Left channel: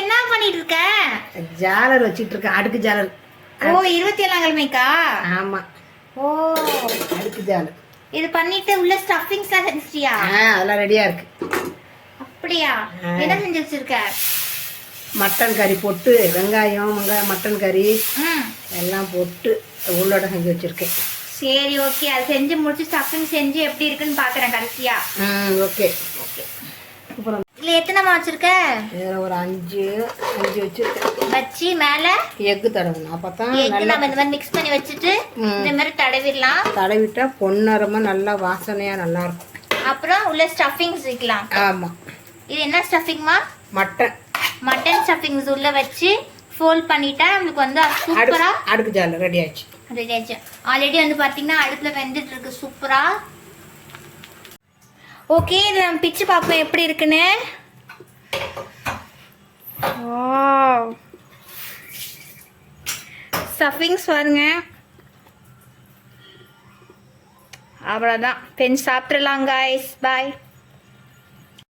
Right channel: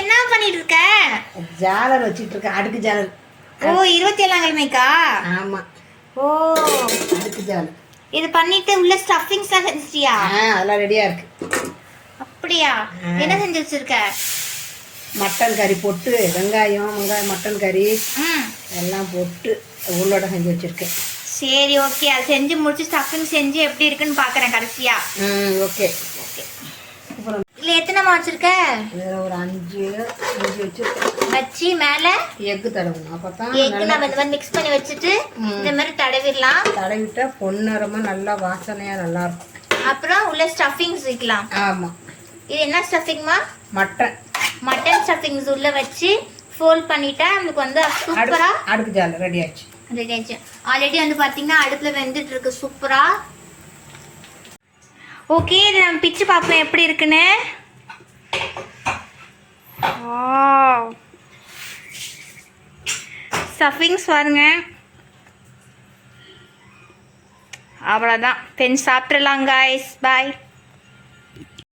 என்ன பண்ணிட்டு இருக்க? ஜாலர் வச்சிட்டு இருக்கேன், அடுக்கு ஜாலர். ஓ 27ஆம் கிழமைக்கா? ஆமா. ஓ அடுக்கு ஜாலர். இது பண்ணிட்டு உள்ள ஸ்டஃபிங்ஸ்லாம் செஞ்சிட்டியா? அதெல்லாம் ரெடியா இருக்கு. அப்படியா? என்ன செஞ்சு வச்சிருக்க? மட்டன் கறி போட்டு வெங்காயம் மட்டன் கறி எல்லாம் போட்டு உள்ளோட செஞ்சு வச்சிருக்கேன். சரி ஓகே, அது செஞ்சு முடிச்சு ஸ்டஃபிங் செஞ்சு எப்படி இருக்குன்னு பாக்குறேன் கடைசியா. Okay okay. அப்புறம் இல்ல எத்தனைமா வச்சிருக்க? ஒரு 5 வச்சிருக்கேன். வச்சு மேல எக்கு தடவணும். அப்பதான் எக்கு நம்ம இந்த மாதிரி மிக்ஸ் பண்ணி வச்சுட்டு இந்த மாதிரி தடவிடலாம். தடவிட்டா பொன்னரமா நல்லா வாசனையா நல்லா இருக்கும். அப்புறம் உள்ள ஸ்டஃபிங்ஸ் வைக்கலாம். ஆமா. இது என்ன ஸ்டஃபிங்மா? மட்டன் ஸ்டஃபிங்ஸ் உள்ள வச்சு ஃபோல்ட் பண்ணிட்டா நமக்கு வந்து சூப்பரா அடுக்கு ஜாலர் ரெடி ஆயிடுச்சு. ரெடி ஆயிடுச்சு. ஆல்ரெடி வந்து பாத்தீங்கன்னா அடுப்புல வெந்துட்டு இருக்கு சூப்பரா. ஓகே, இது நம்ம பிச்சு பார்ப்போம் எப்படி இருக்குன்னு. ஸ்டஃபிங்ஸ் பாருங்க. அவ்வளோதான், சாப்பிட்றலாம் காய்ஸ். பாய்.